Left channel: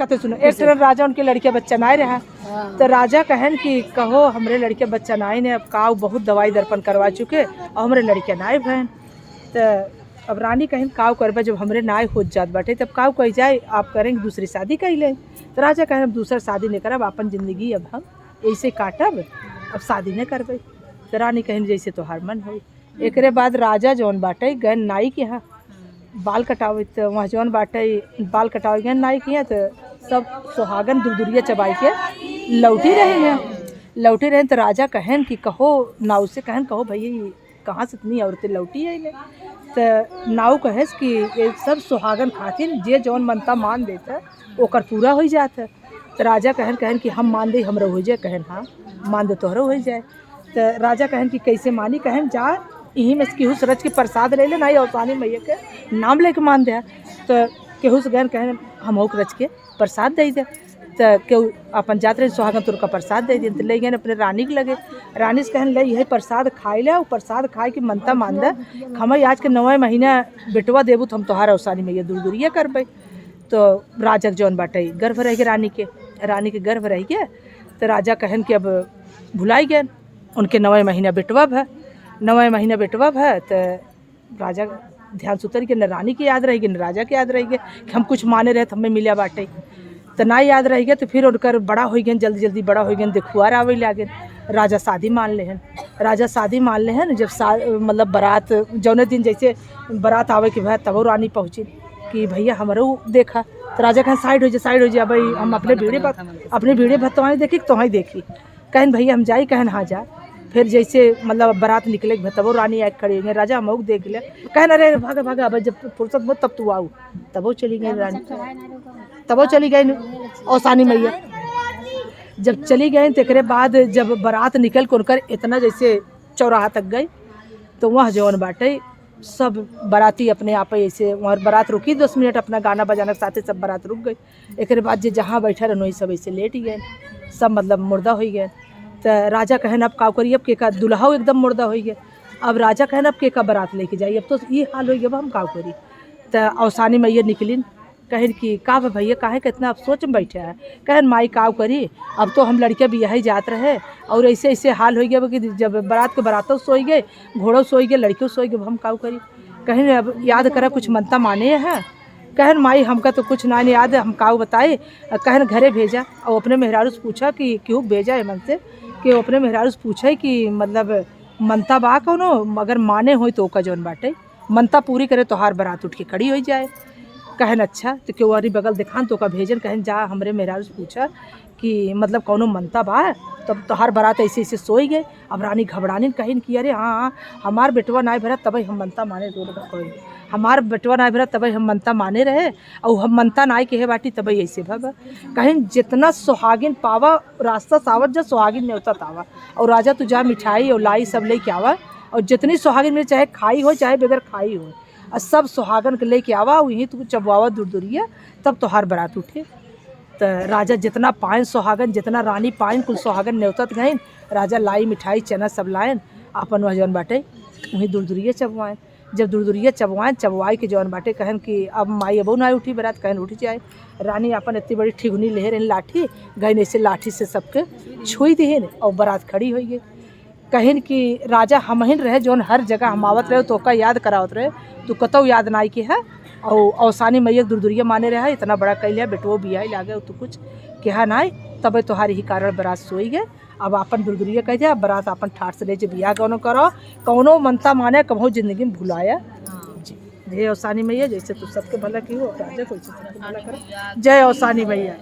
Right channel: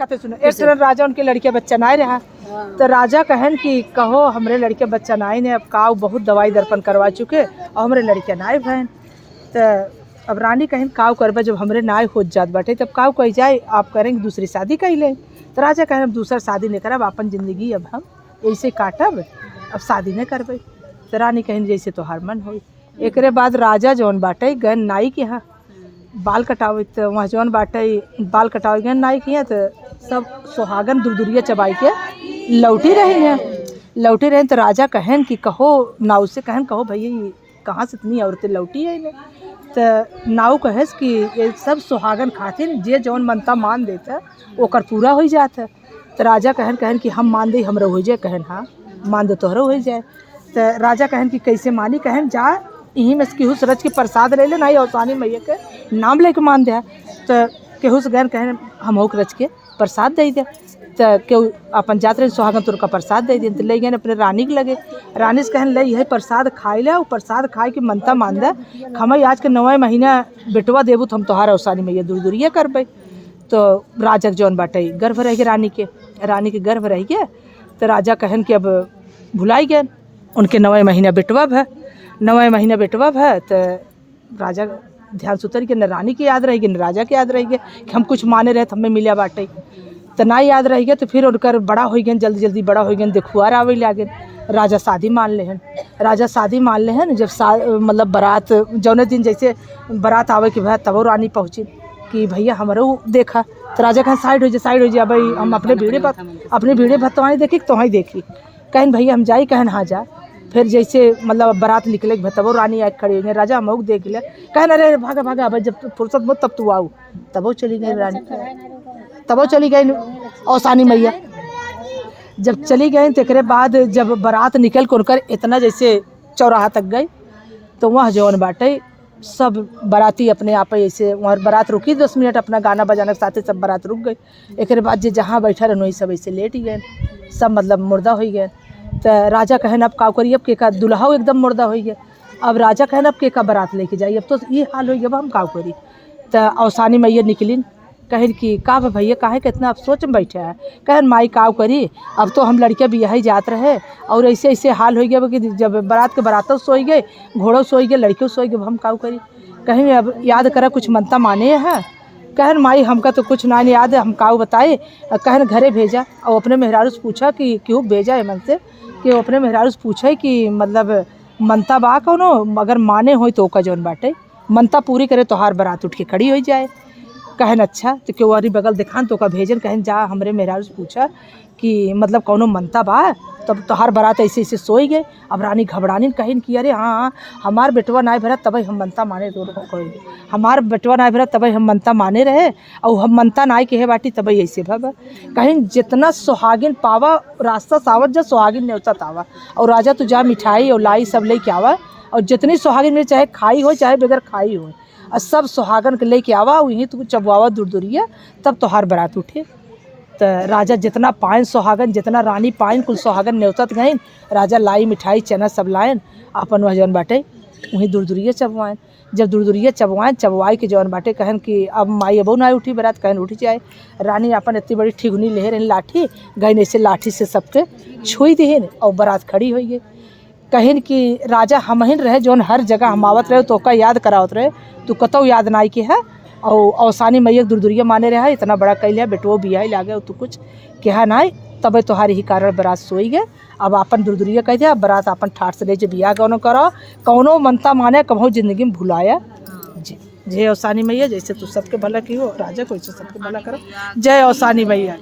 कहते सुनो एक तरह राजा उनके लड़के बच्चा ना रहा तो राजा कहन कि कहो हमरे लड़के बच्चा नाई ने अब काव बहुत दवाई दर्पण करवा चुके और हमरे लड़के नाई बहन तो अब रानी कहन काव करबा जब हमरे नाई हो जात बाटे तब काव कह जाए आप करेंगे दूसरी शादी कर लें तो राजा कहन अब दूसरा शादी नहीं करब अपन जिंदगी अब हम ऐसे काटब अब शादी नहीं करबे तो रानी कहन जैसे तोहार मन हो। एकरे बाद राजा जौन बाटे गन नाई के यहाँ बाल कटावे तो वहाँ जौन बाटे बाल कटावे गए नाई के तो सब सुहागन दुरदुरिया चबाई के लौटी रहे तो राजा कहन कि कहो नाव से कहन कहो भैया कहाँ से इतनी औरतें लौटी है इन्हें तो नाव कहेस कि ये सब सुहागन खातिर जे जौन मनता मान देता ओकर पूरा हो जाता तो राजा कहन कि हम मान दे हमरा हो जाए कहन हाँ मान दे तोहरा हो जाए तो राजा कहन कि कैसे मानी कहन जा यहीं में केहू से रच के प्रसाद ले ले ना औसानी मैया के नाम लेके मान दे तो केहू से गन कहन हम हो रच के प्रसाद दे दे तो केहू अपन जात रहे सुहागन तुर का प्रसाद दे दिन तो ले गए अपने रानी के लगे रानी से कहन ले यही प्रसाद खाए ले और प्रसाद खाए के मनता मान दे हम आज के 9वें महीना बेटवा देबू तो हम तोहार औसानी मैया दूर दूरिया करबे तो राजा जौन बाटे गर्भ रह गए रानी के गर्भ रह गए तो राजा कहन कि अब भुलाई गए उनके 9वें महीना बेटवा है 9वें महीना बेटवा है तो राजा ध्यान सुतर के न रानी की याद रहेगी न राजा की याद रहेगी कि हम कुछ माने रहे हमें मिला बाटे तो ना याद रह गए तो फिर उनकर बड़ा हो गए जल्दी जल्दी बड़ा हो गए देखुआर आवे लागे राजा शादी मान ले जब मतलब बारात जौने दिन जैसे बारात आवे कि भाई तब रानी पहुँची कि भैया हमारो देखा तो राजा कहन साइड हो जा भाई हम अपने भीड़े भतवानी देखी तो ही देखी कहन भैया हम जाई कहन हाँ जा फिर जैसे मतलब बारात निकले तब रानी आके खड़ी हो गई राजा हम देख ले कहन अरे भागा अब जब फुर्सत हो तब तू आओ तब चली गई रानी तब चली गई औसानी मैया जब चली गई तो एक बाद जब बारात निकल कर उनकर इतना जैसे चौराहा तक गई तो वहाँ जौन बाटे सब बाराती अपने आप ऐसे वहाँ बारात रुकी 10 मिनट अपना गाना बजाने के साथ सब बारात रुक गई एक बाद जो जहाँ बैठा रहे वही सब ऐसे लेट गए सब मतलब मुर्दा हो गए तो राजा कहन अब का करिए अब के का दुल्हा एकदम मुर्दा हो गए अब राजा कहन अब के का बारात लेके जाइए अब तो ये हाल हो गया अब हम का करी तो औसानी मैया निकलिन कहन कि का भैया काहे कितना अब सोच में बैठे है कहन माई काव करी अब तो हम लड़के भी यही जात रहे और ऐसे हाल हो गया कि जब बारात के बारातों सोई गए घोड़ों सोई गए लड़कियों सोई गए हम काव करी कहन अब याद करा कुछ मनता माने हैं कहन माई हमका तो कुछ ना याद है हम काव बताए कहन घरे भेजा और अपने मेहरारू से पूछा कि क्यों भेजा है मन से कि अपने मेहरारू से पूछे कि मतलब मनता बा कौनो अगर माने हो तो का जौन बाटे मनता पूरी करे तो हार बारात उठ के खड़ी हो जाए कहन अच्छा तो क्यों अरी बगल दिखान तो का भेजन कहन जा हमरे मेहरारू से पूछा कि मतलब कौनो मनता बा तब तोहार बारात ऐसे सोई गए अब रानी घबरानी कहन कि अरे हाँ हमार बेटवा ना भरा तब हम मनता माने हमार बेटवा ना भरा तब हम मनता माने रहे और हम मनता ना के है बाटी तब ऐसे भब कहन जितना सुहागिन पावा रास्ता सावत जा सुहागिन न्योता तावा और राजा तू जा मिठाई और लाई सब लेके आवा और जितनी सुहागिन में चाहे खाई हो चाहे बगैर खाई हो और सब सुहागन के लेके आवा वहीं तू चबवावा दूर तब तोहार बारात उठे तो राजा जितना पाइन सुहागन जितना रानी पाइन कुल सुहागन न्योतत गए राजा लाई मिठाई चना सब लाइन अपन वह जौन बाटे वहीं दूर चबवाएँ जब दूर चबवाए के जौन बाटे कहन कि अब माई अबो ना उठी बारात कहन उठ जाए रानी अपन इतनी बड़ी ठिगुनी ले रही लाठी गई ऐसे लाठी से सबके छुई दिहन और बारात खड़ी हो गई कहन कि राजा हमहिन रहे जौन हर जगह हम आवत रहे तो का याद करावत रहे तू कतौ याद ना के है और औसानी मैया दूर माने रहा इतना बड़ा कैलिया बेटो बिया लागे तू कुछ कहा ना तब तोहार ही कारण बारात सोई गए अब अपन दूर कह दिया बारात अपन ठाट से ले जो बिया कौनो करो कौनो मनता माने कहो जिंदगी में भुलाया जी जय औसानी मैया जैसे तू सबके भला की हो राजा को सबके भला करो जय औसानी मैया।